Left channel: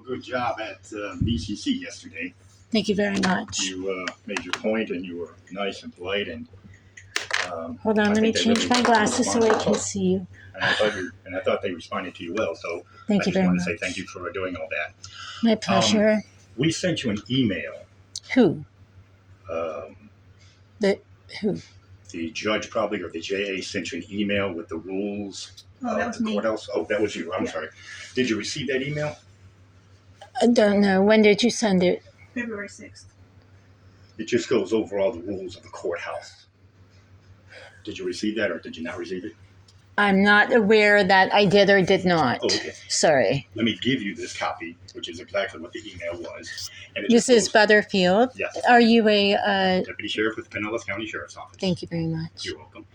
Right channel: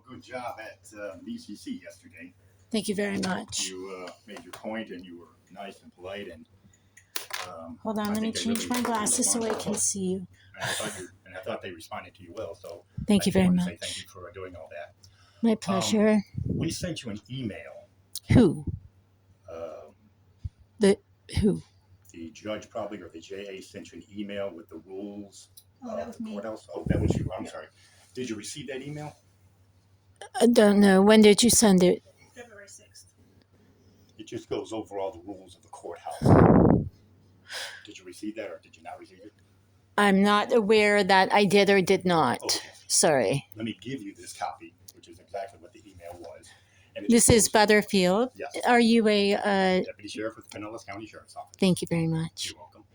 real good job at BCC yesterday. Thank you very much. You made your point, and you were nice and polite. And hold on, let me change my glasses so I can see you. And I thought they responded to you well. So thank you very much. I just want to say thank you for doing all that. My pleasure. We sent you an email. Who? Who? The judge probably, or the JA sent you an email with the rules. That was me. Courthouse. Oh, that was you. I'm sorry. Did you receive that email? I don't know. When did you send it? February 6th. It just goes over all the rules of the courthouse. Did you receive that, or did you not receive it? I'm not aware that I did or did not. Oh, okay. Sorry. Let me give you this copy, which is exactly what the email was. And This is Butterfield. Yes. Are you a... Deputy Sheriff with Pinellas County Sheriff's Office. Thank you very much. You're welcome.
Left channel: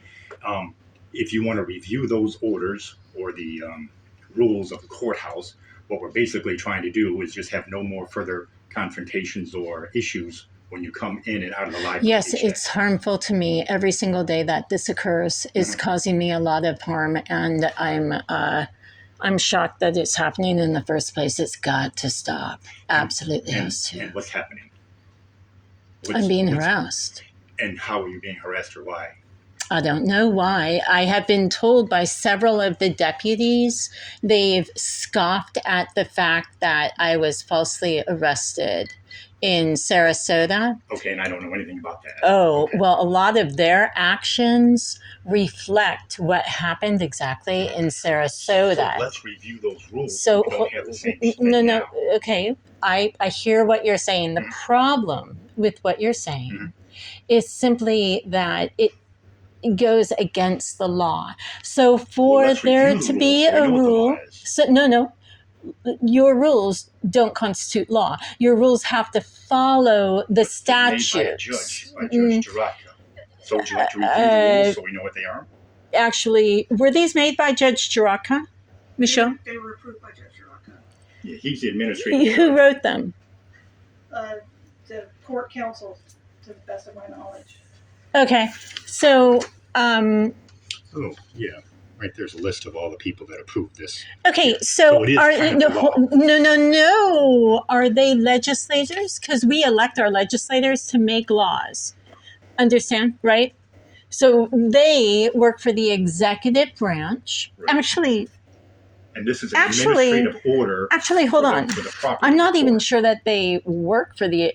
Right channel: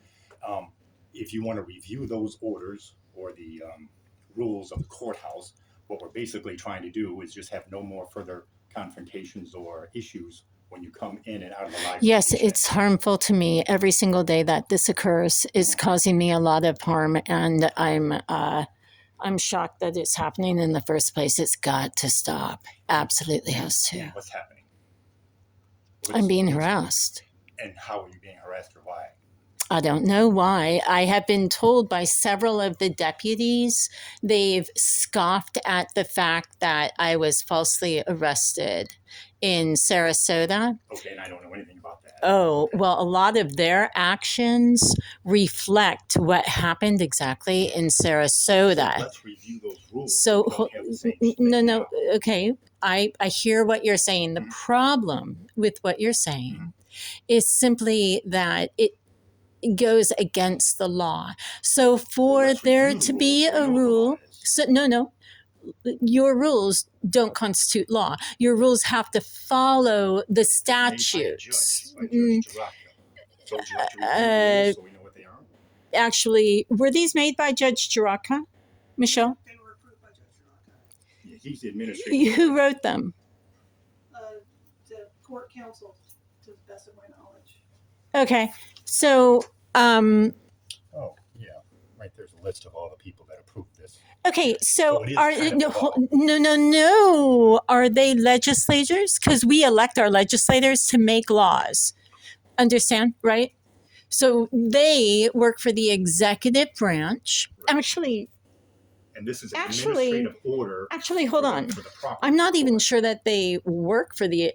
If you want to review those orders or the rules of the courthouse, what we're basically trying to do is just have no more further confrontations or issues when you come in and out of the library. Yes, it's harmful to me. Every single day that this occurs is causing me a lot of harm, and I'm shocked that it's happening in the first place. It's got to stop. Absolutely has to. And what's happening? I'm being harassed. And how are you being harassed, or why? I don't know why. I have been told by several of the deputies, they've scoffed at the fact that I was falsely arrested in Sarasota. Okay, and I don't know anything about that. Oh, okay. Well, a lot of their actions reflect what happened exactly in Sarasota. So let's review those rules. So, we don't have the same no, okay. I hear what you're saying. The problem with what you're saying is simply that it goes against the law. So for there to be a rule, your rules don't constitute law. Your rules have to follow the statutes. Made by a judge, by Judge Girarca. So would you like to review the rules so we know what they are? Actually, were these made by Judge Girarca, Michelle? They were approved by Judge Girarca. Yeah, he's the administrator. Who wrote them? The court counsel, to the best of my knowledge. Okay, so oh yeah, right. There's a list of all the people that approved this. Okay, yeah. so it is are kind of the law. No? Are they legislators? Because we elect our legislators to make laws. Understand, right? So they work for the executive branch. Right. And this is an administrative order. Actually, hold on. I'm not even sure that they work for the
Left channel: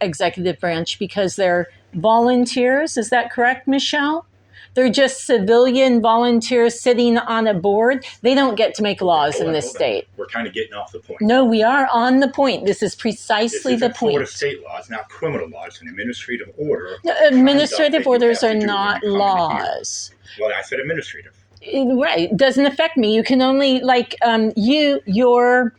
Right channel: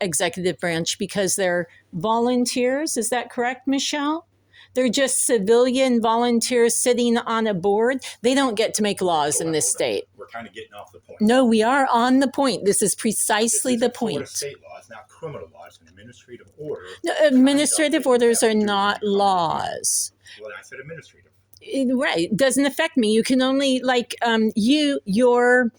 executive branch because they're volunteers. Is that correct, Michelle? They're just civilian volunteers sitting on a board. They don't get to make laws in this state. We're kind of getting off the point. No, we are on the point. This is precisely the point. Florida state law. It's not criminal law. It's an administrative order. No, administrative orders are not laws. Well, I said administrative. Right. It doesn't affect me. You can only, your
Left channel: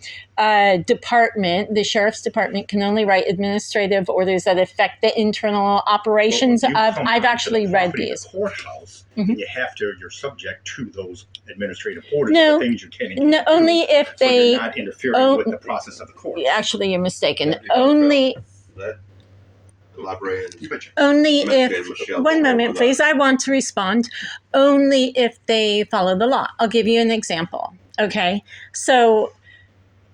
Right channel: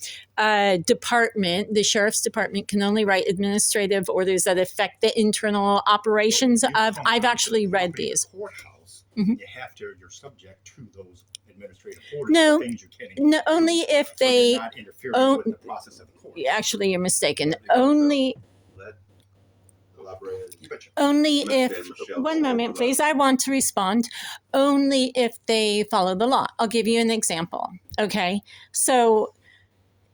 department, the sheriff's department, can only write administrative orders that affect the internal operations of. I've actually read these. The courthouse, you have to. You're subject to those administrative orders. No, the things you can't. No, only if they. You're not interfering with the process of the court. Actually, you're mistaken. Only. Only if, one moment please, I want to respond. Only if they follow the law. I'll give you an example. Okay, so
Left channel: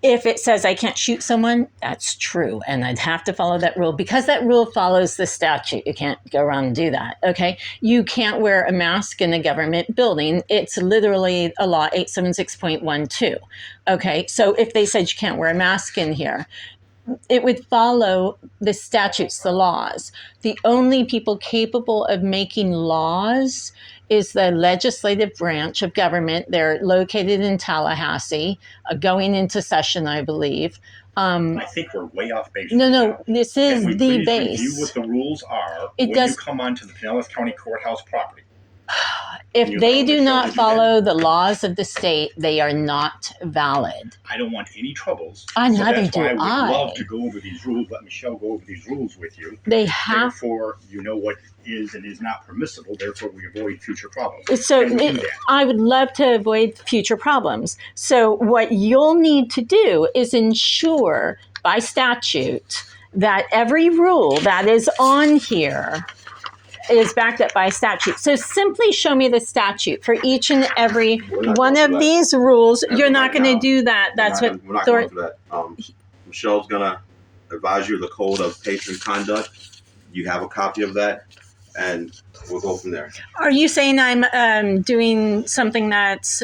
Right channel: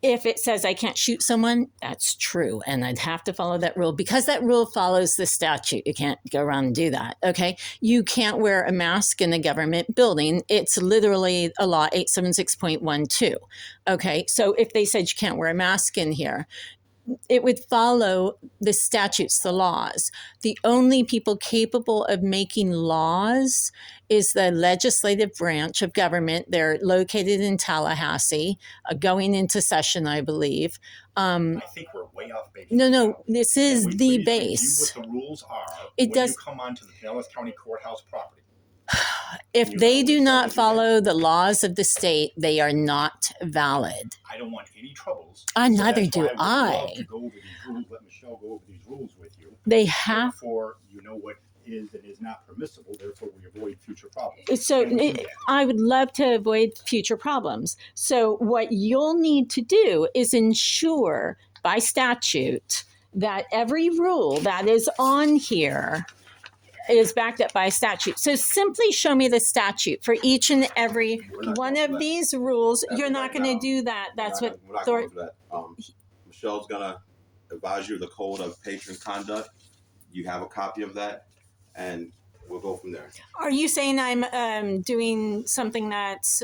if it says I can't shoot someone, that's true, and I'd have to follow that rule because that rule follows the statute. You can't go around and do that. Okay, you can't wear a mask in a government building. It's literally a law 876.12. Okay, so if they said you can't wear a mask in here, it would follow the statutes, the laws. The only people capable of making laws is the legislative branch of government. They're located in Tallahassee, going into session, I believe. I think we're way off base. No, this is the base. Review what the rules are when you come onto the Pinellas County Courthouse property. If they do not follow the laws of the state, they are not valid. I don't want any troubles. Neither do I. I would love to go over these rules. Let Michelle go over these rules with you. They have. Therefore, you know what is and is not permissible. Therefore, we avoid future problems. So I would love to avoid future problems. So what you'll need to do is ensure by statute that every rule that is on here is backed up by statute. So simply show me the statute for each and every one of these rules. You're not going to do that. That's what we're not going through that. Michelle's gonna advise you of the code of patron conduct. You have a copy of that, and we'll go from there. Are you saying I'm doing something that's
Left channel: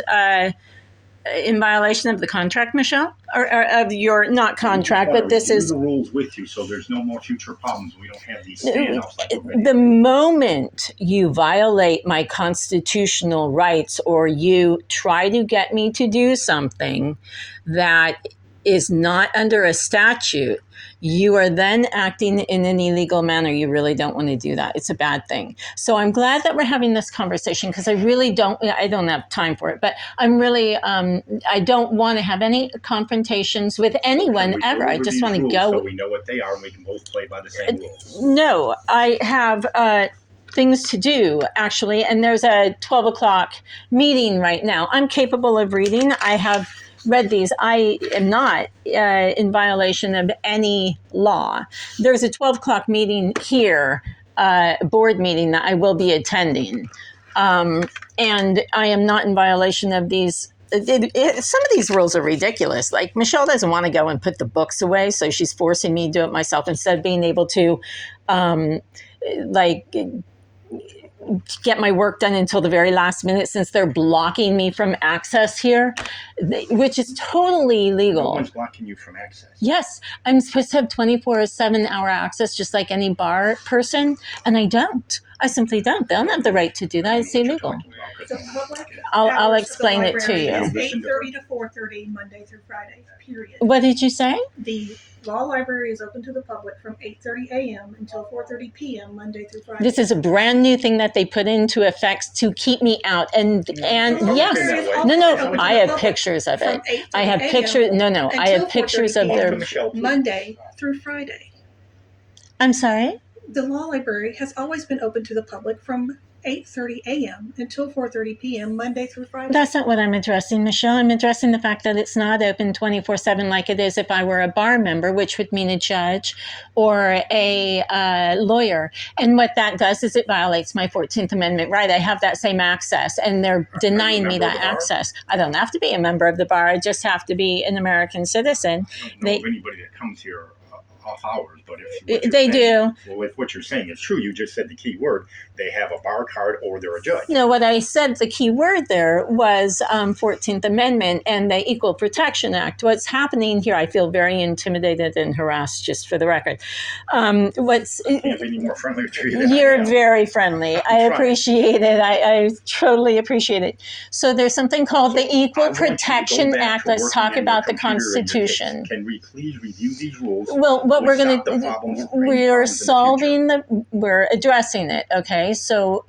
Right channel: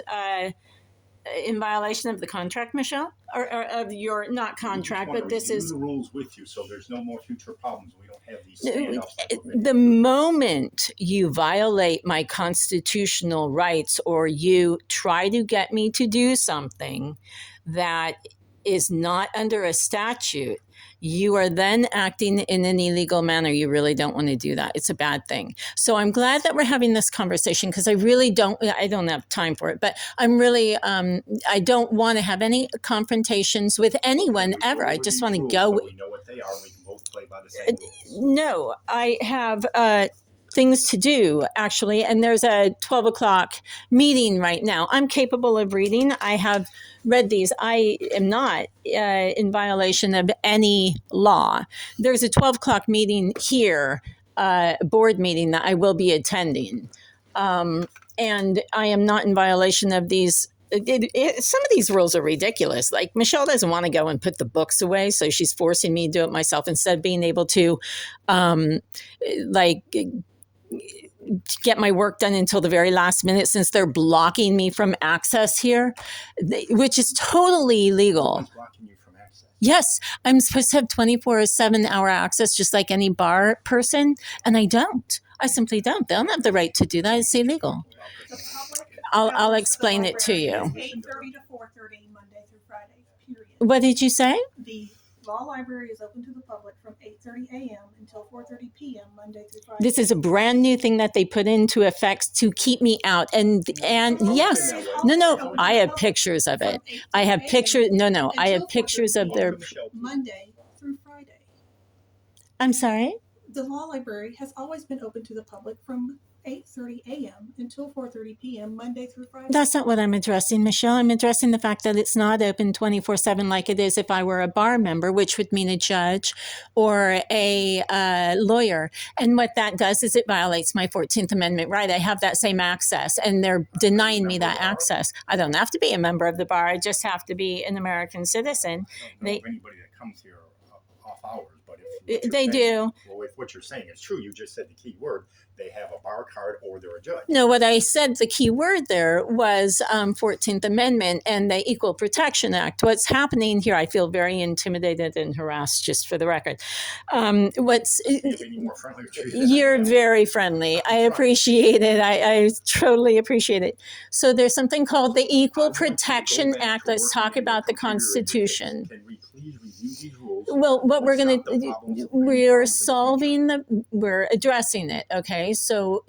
in violation of the contract, Michelle, or of your not contract, but this is the rules with you, so there's no more future problems. We don't have these standoffs. Like the moment you violate my constitutional rights or you try to get me to do something that is not under a statute, you are then acting in an illegal manner. You really don't want to do that. It's a bad thing. So I'm glad that we're having this conversation because I don't have time for it, but I'm really, I don't want to have any confrontations with anyone ever. I just want to go. So we know what they are and we can both play by the same rules. No, I have things to do actually. And there's a 12 o'clock meeting right now. I'm capable of reading. I have read these. I am not in violation of any law. There's a 12 o'clock meeting here, a board meeting that I will be attending. And I am not in violation of these. Some of these rules are ridiculous. Like Michelle doesn't want to go and put the books away, so she's forcing me to do it myself instead of being able to get my work done until the very last minute since they're blocking me from access here, which is totally illegal. No one's blocking you from access. Yes, I'm supposed to have 24/7 hour access just like any bar person, and I don't. I simply don't. They don't have the right to do that. It's illegal. The public I'll hours explain of the it to library you. is 8:30 to 4:30 Monday through Friday, period. What did you say? The law library is open to the public from 8:30 a.m. until 4:30 p.m. Monday through Friday. This is a brand new thing that they put into effect to keep me out. And yes, no, I have pictures of it. I have pictures. No, I have pictures of their. Monday through Friday. I'm sorry? The law library has always been open to the public from 8:30 a.m. until 4:30 p.m. Monday through Friday. That's not what I'm addressing, Michelle. I'm addressing the fact that it's not open 24/7 like it is if I were a bar member, which would mean a judge or a lawyer. And what that does is it violates my 14th Amendment right. I have that same access, and they're denying me that access. I don't have to be a member of the bar. I just have to be an American citizen. I don't know of anybody that comes here off hours, but if they do. Well, if what you're saying is true, you just said the key word. They have a bar card or they're a judge. No, what I said, the key word there was 14th Amendment and the Equal Protection Act. What's happening here, I feel very intimidated and harassed, just for the record. I can't be any more friendly to you. You're very friendly. I appreciate it. I totally appreciate it. So there's something called the Equal Protection Act. Let's talk about the Constitution. Can we please review these rules? Well, what we're going to, we're addressing it, okay? So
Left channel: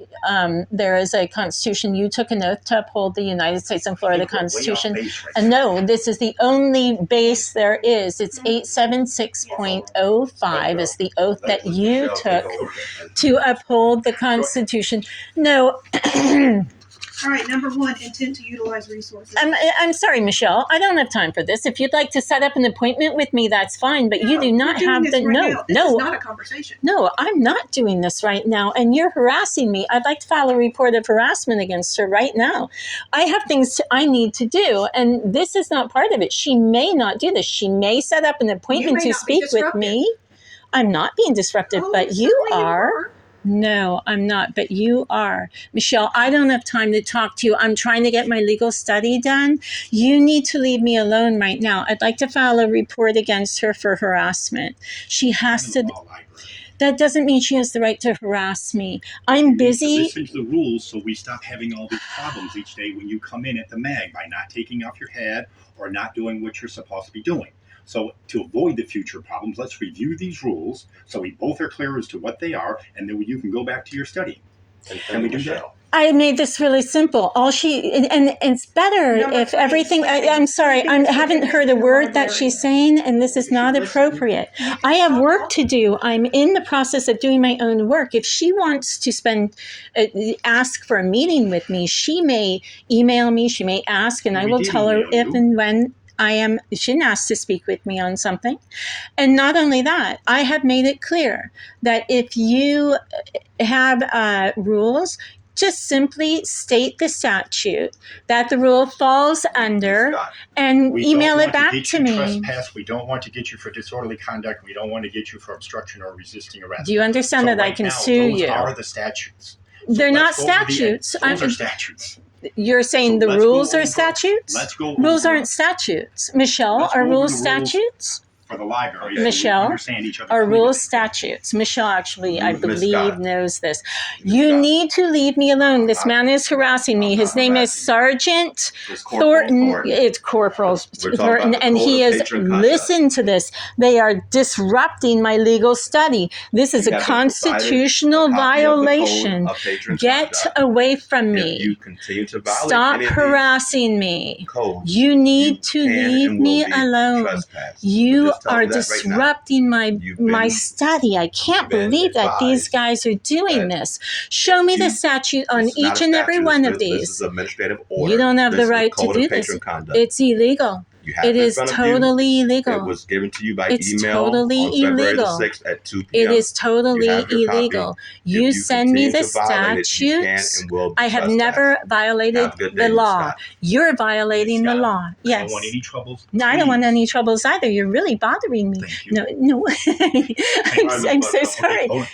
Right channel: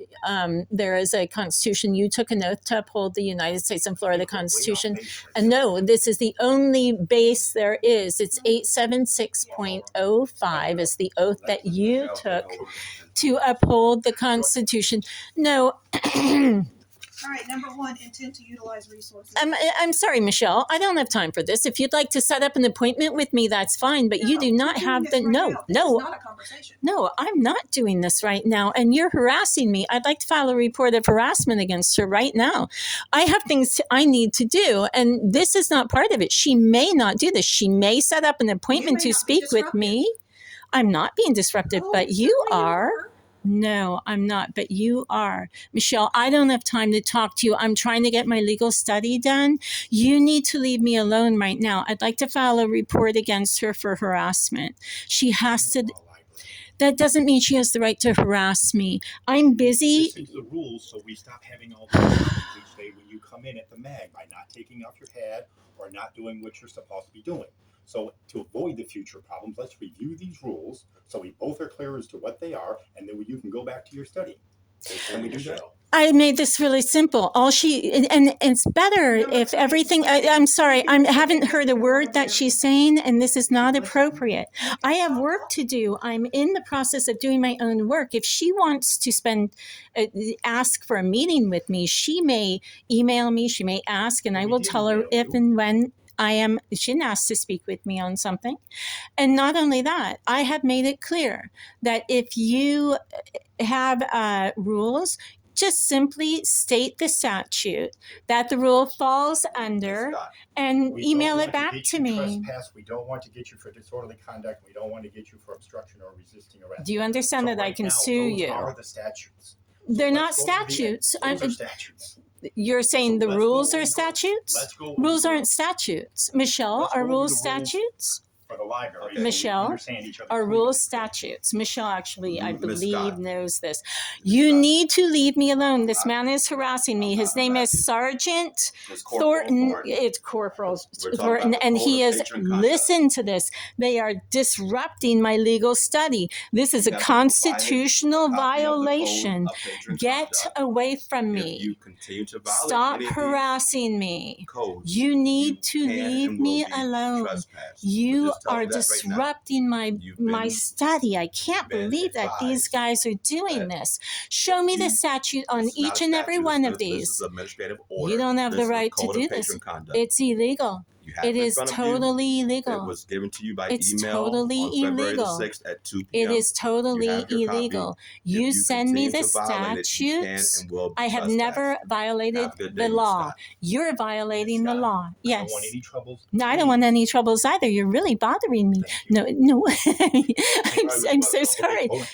there is a Constitution. You took an oath to uphold the United States and Florida Constitution. And no, this is the only base there is. It's 876.05 is the oath that you took to uphold the Constitution. No. All right, number one, intent to utilize resources. I'm sorry, Michelle. I don't have time for this. If you'd like to set up an appointment with me, that's fine. But you do not have the This is not a conversation. No, I'm not doing this right now, and you're harassing me. I'd like to file a report of harassment against her right now. I have things I need to do, and this is not part of it. She may not do this. She may set up an appointment to speak with me. I'm not being disruptive, but you are. No, I'm not, but you are. Michelle, I don't have time to talk to you. I'm trying to get my legal study done. You need to leave me alone right now. I'd like to file a report against her for harassment. She has to. That doesn't mean she has the right to harass me. I'm busy. Listen to the rules so we stop having all these problems each day when you come in at the mag by not taking off your hat or not doing what you're supposed to be doing. So to avoid the future problems, let's review these rules so we both are clear as to what they are, and then you can go back to your study. Can we do that? I made this really simple. And it's better if everything. I'm sorry, I haven't heard a word that she's saying, and this is not appropriate. I have work to do. I'm in the process of doing my own work. If she wants to ask for a meeting with me, she may email me. She may ask, and I will tell her if and when. she didn't ask to speak with me on something. And not only that, I have made it clear that if you have rules, just simply state the statute that the rule falls under and We email don't it want back get to you me. Trespass. We don't want to get you for disorderly conduct. We don't want to get you for obstruction or resisting arrest. Do you understand that I can sue those you? Those are the statutes. They're not statutes. Those are statutes. You're saying the rules are statutes? Let's go. Rules aren't statutes. Michelle, are rules statutes? For the library. Michelle, are clearly. rules statutes? Michelle actually, I Miss believe, Scott. knows this. Miss You Scott. need to leave me alone. This man is harassing me. His name is Sergeant It's Corporal Thornton. Thornton. It's Corporal We're talking Thornton, about the and code he of has patron conduct. listened to this. They are disrupting my legal study. This is You a have been provided constitutional a copy of the code violation. of patron Get conduct. away from If me. you continue to violate Stop any of these harassing me. codes, You need to can and leave will me be alone. trespassed. You Just tell are me that right now. disrupting my You've my been- study. I can't been believe that these advised guys are doing that this. Show me the you- statute on This is not each a and every statute. one of This these. is administrative order. You don't have This the is right to code do of this. patron conduct. It's illegal. You have It in is front of you. totally It illegal. was given to you by It's email totally on February illegal. the 6th at 2 It p.m. is totally You have your copy. illegal. If You send me continue the to violate it, you can statutes. and will be I have trespassed. never violated Have a good the day, Ms. law. Scott. You're violating Ms. the Scott, law. I Yes. don't want any troubles. No, I don't want Please. any troubles either. You're really bothering me. Thank you. No. I'm so sorry. Hold on.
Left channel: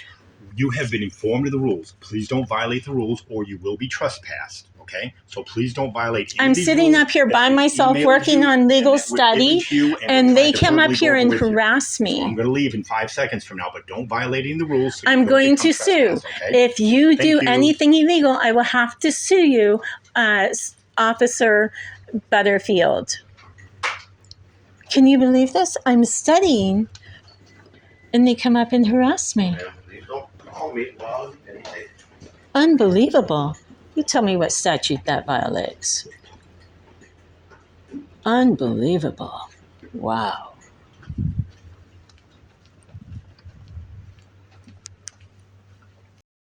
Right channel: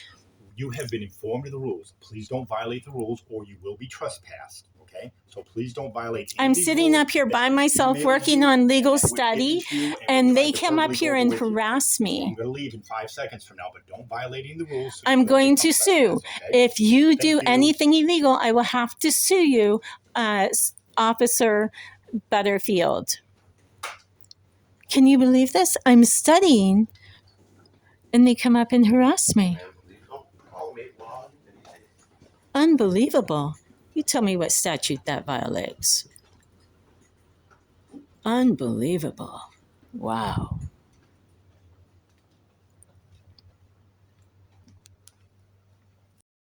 You have been informed of the rules. Please don't violate the rules or you will be trespassed. Okay? So please don't violate any I'm of these sitting rules up here that by we myself emailed working you on legal and that we're study, giving to you, and we're they trying to come up verbally here go and with you. harass So I'm me. going to leave in 5 seconds from now, but don't violate any of the rules. So I'm you don't going become to sue. trespassed, okay? If you Thank do you. anything illegal, I will have to sue you, Officer Butterfield. Can you believe this? I'm studying, and they come up and harass me. You don't call me while anything. Unbelievable. You tell me what statute that violates. Unbelievable. Wow.